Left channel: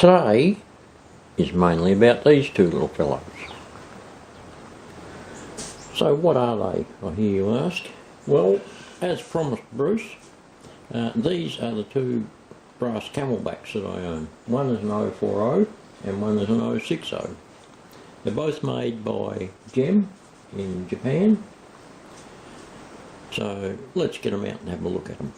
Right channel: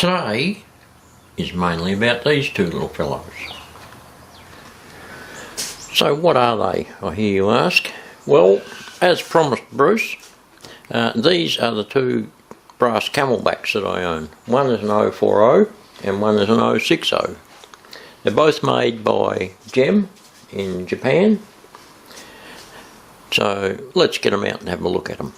Today is mainly about these two little fellows. So what are they, I hear you ask? Well, as promised Bruce, these are the two brass Camelbacks that I own. One is an 040 and one is an 060. They're both made by Gem in Japan. So let's get them out and have a look at them.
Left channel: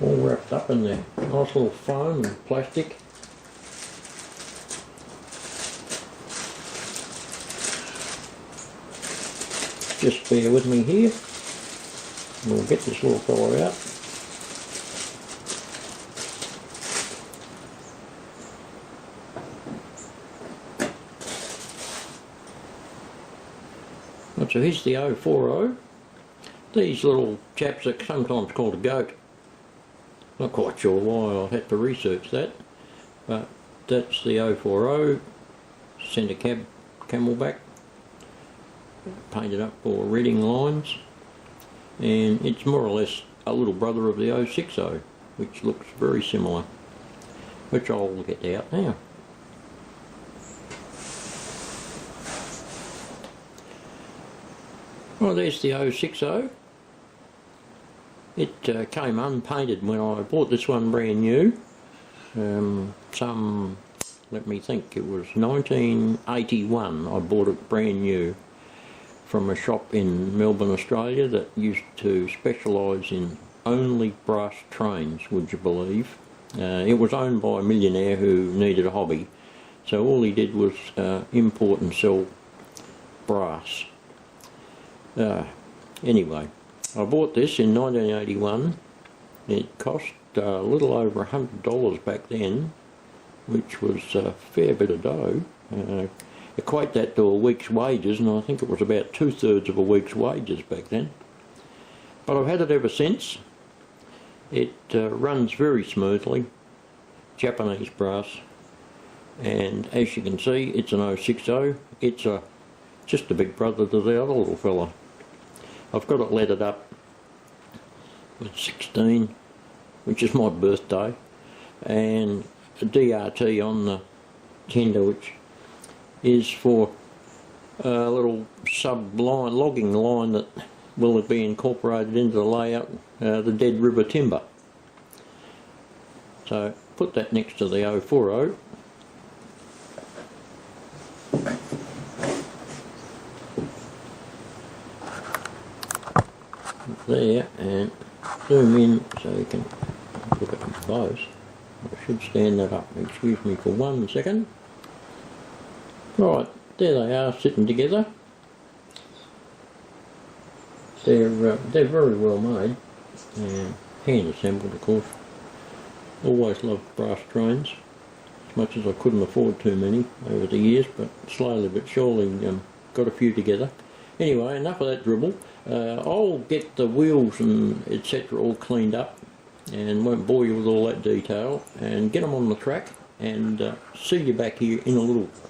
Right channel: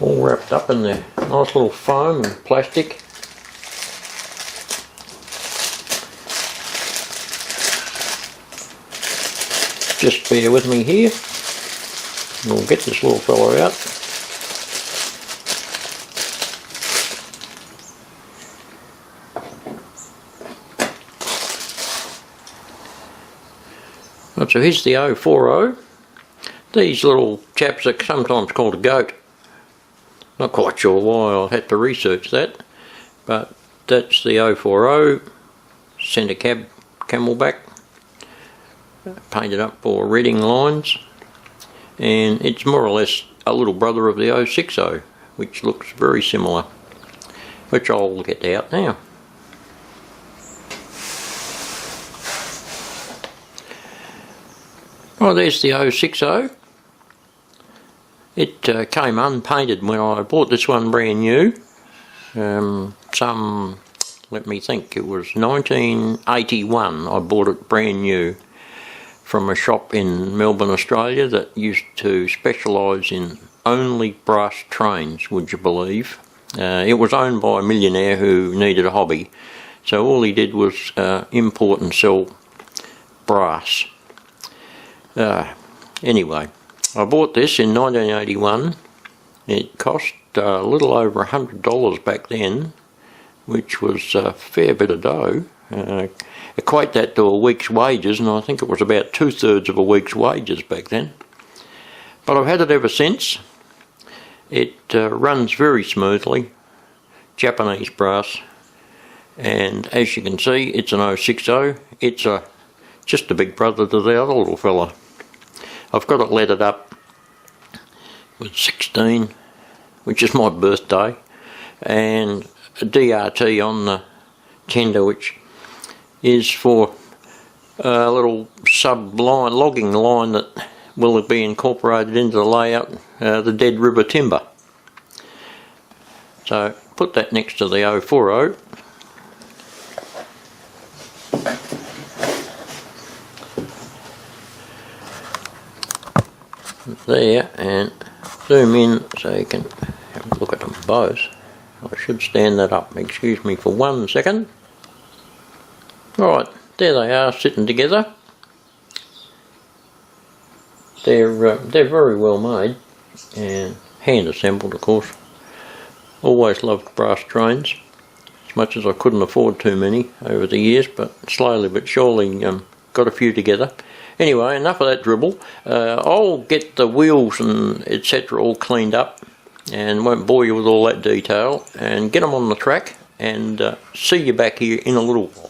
All wrapped up in their nice little foam and plastic. Just bear with me here and we'll get this little fellow out. Right, so here's the 040. These little chaps are sometimes called a goat. Not quite sure why, I'll have to research that, but that's the 040 centre cab Camelback, painted up for reading lines, and it's more or less a little brother of the 060, which looks very similar, which I'll get out now. Well, there's the 060. It came unpainted when I bought this one brand new. Let me think, it was 1981 I bought it brand new from a shop in Melbourne, Australia that used to specialise in only brass trains, would you believe. It was owned by a millionaire who needed a hobby, so all he did was import and sell brass. Anyway, I bought this in 1981. It cost a little over $100 back then, which was a fair bit of dough. Equate that to a week's wages, and I think it was about 2/3 of a week's wages back then. But I've had it ever since. It runs very smoothly, Japanese brass, and as you can see, it's an 060. It's just a big brother to the other little fella. I've got it lettered up with 16, which is my birthday, and a DRT on the tender, which is for a little sub-line, logging line that will be incorporated into the layout, the Dead River timber. So put that next to the 040. There, and zoom in so you can have a look at them both. I should stand that up, excuse me for 1 second. Right, there they are sitting together. They're very well made and hand assembled, of course. Always loved brass trains, as much as I couldn't afford too many over the years, but slowly but surely got a few together. Anyway, enough of that dribble. I'll get the wheels and etc. all cleaned up and won't bore you with all that detail, and get them on the track and see you back here in a little while.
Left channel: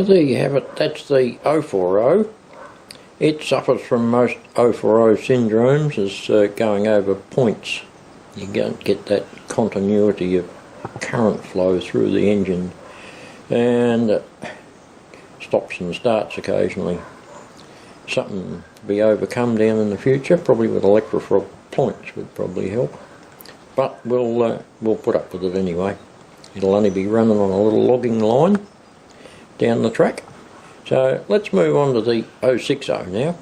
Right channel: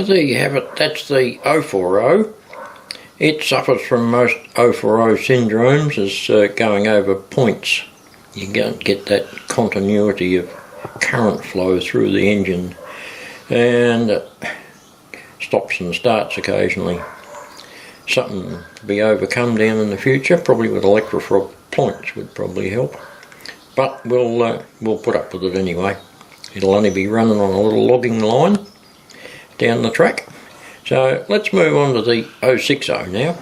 So there you have it, that's the 040. It suffers from most 040 syndromes as going over points. You don't get that continuity of current flow through the engine, and it stops and starts occasionally. Something to be overcome down in the future, probably with electrofrog points would probably help. But we'll put up with it anyway. It'll only be running on a little logging line down the track. So let's move on to the 060 now.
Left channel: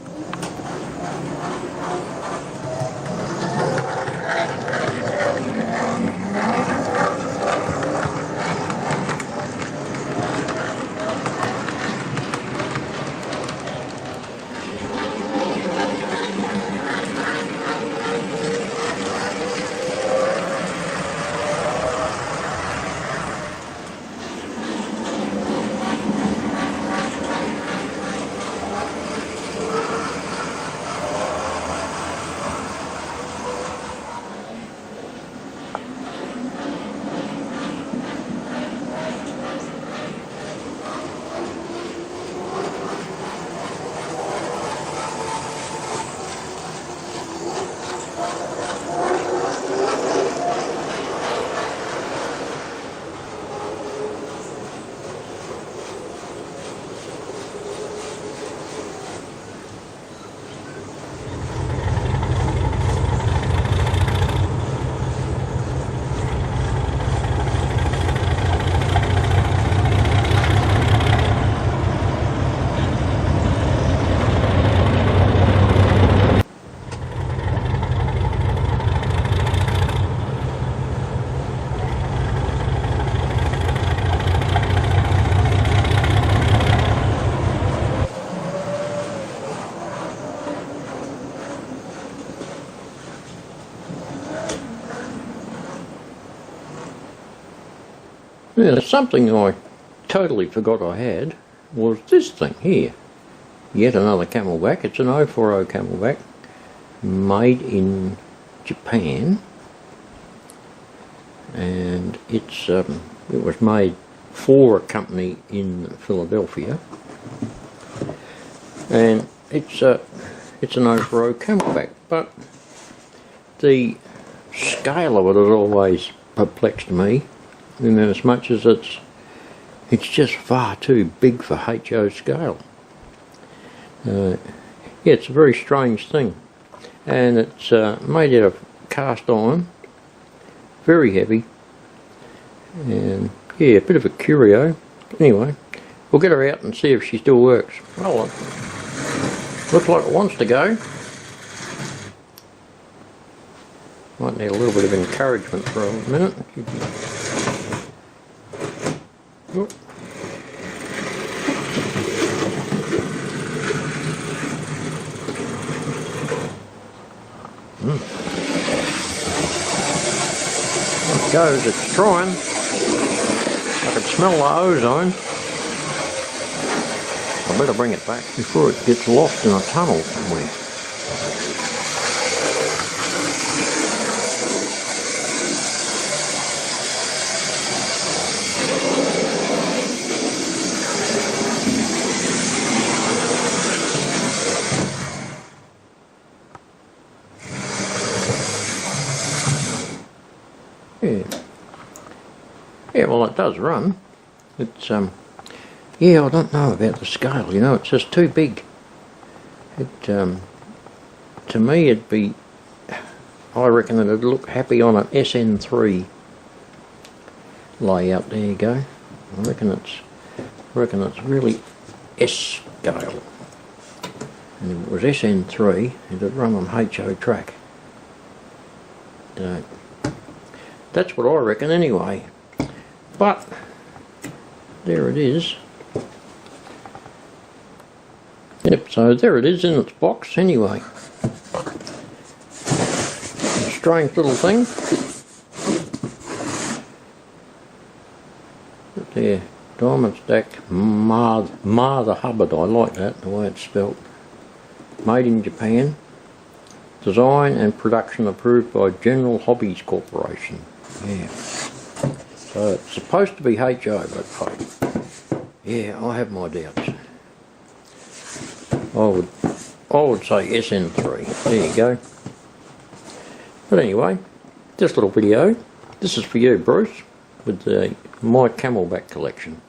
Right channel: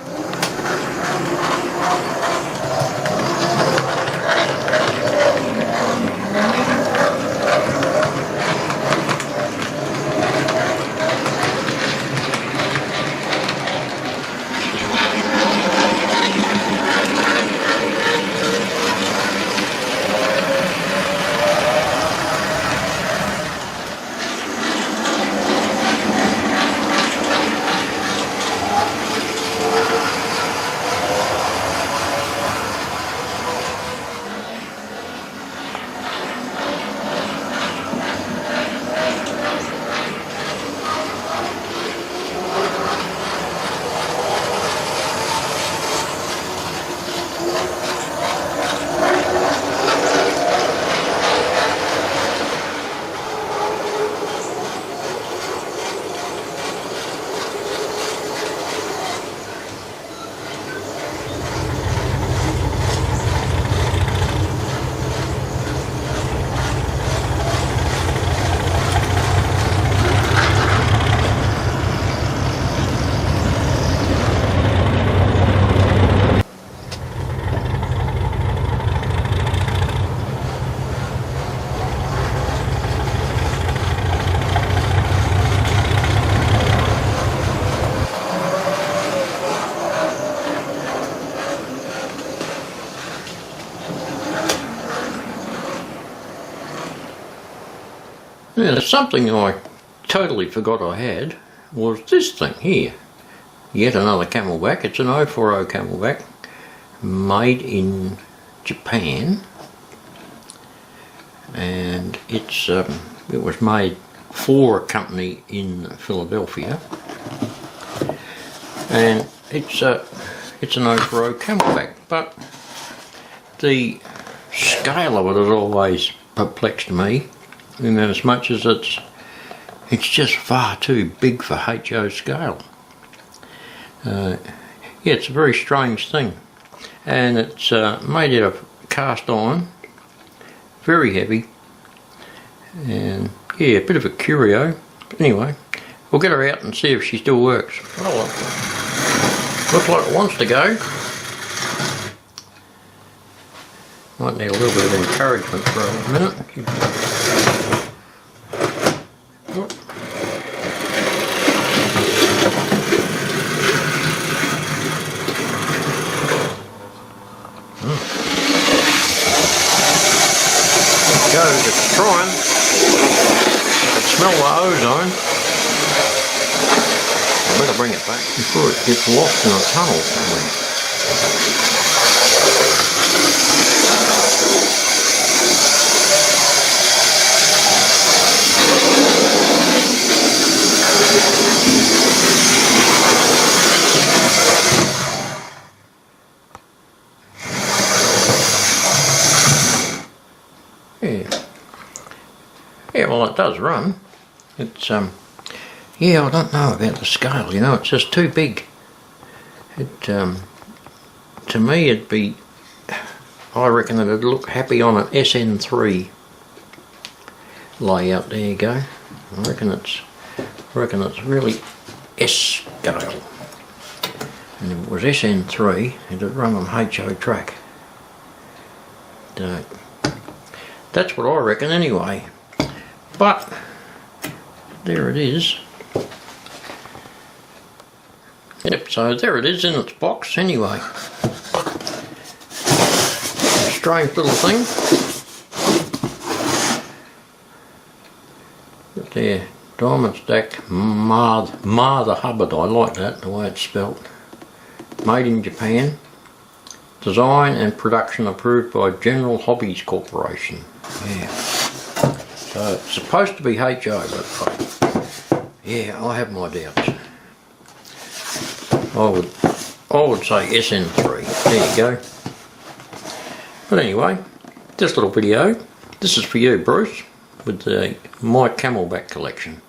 Now, something I totally forgot I had was this thing here. Yet another Camelback. It's an 040 Camelback made in Japan, and it was made for a company in Philadelphia, and it's an 040 Camelback, but the scale of it has always perplexed me, in as much as it's just far too big for HO scale. Yeah, it's a very strange thing, and it's made out of cast iron, very heavy, and yeah, a bit of a curio. But anyway, we'll get her out and see if she still works. Oh, looks like it wants to go. Might need a little bit of encouragement for a minute. What? It's trying. I smell the ozone. I better bring it back before it gets lost in the tunnel. Yeah, well, it does run. It's yeah, I don't know about the scale, you know, it's just too big. It to me it'd be, I reckon it'd look happy on an SN3 layout. There you go. I reckon it's really S scale. And if it was SN3, it'd run on HO track. That's what I reckon anyway. But there it is. Yep, so there it is in its box anyway. Strange little thing. But there, diamond stacked Martha Hubbard. I like that, the way it's spelt. Made in Japan. Design and production approved by General Hobbies Corporation. Yeah. So it's supposed to be HO, but Yeah, I have my doubts. I would say SN3. There you go. But anyway, this little video, this is for you, Bruce, with my Camelback collection.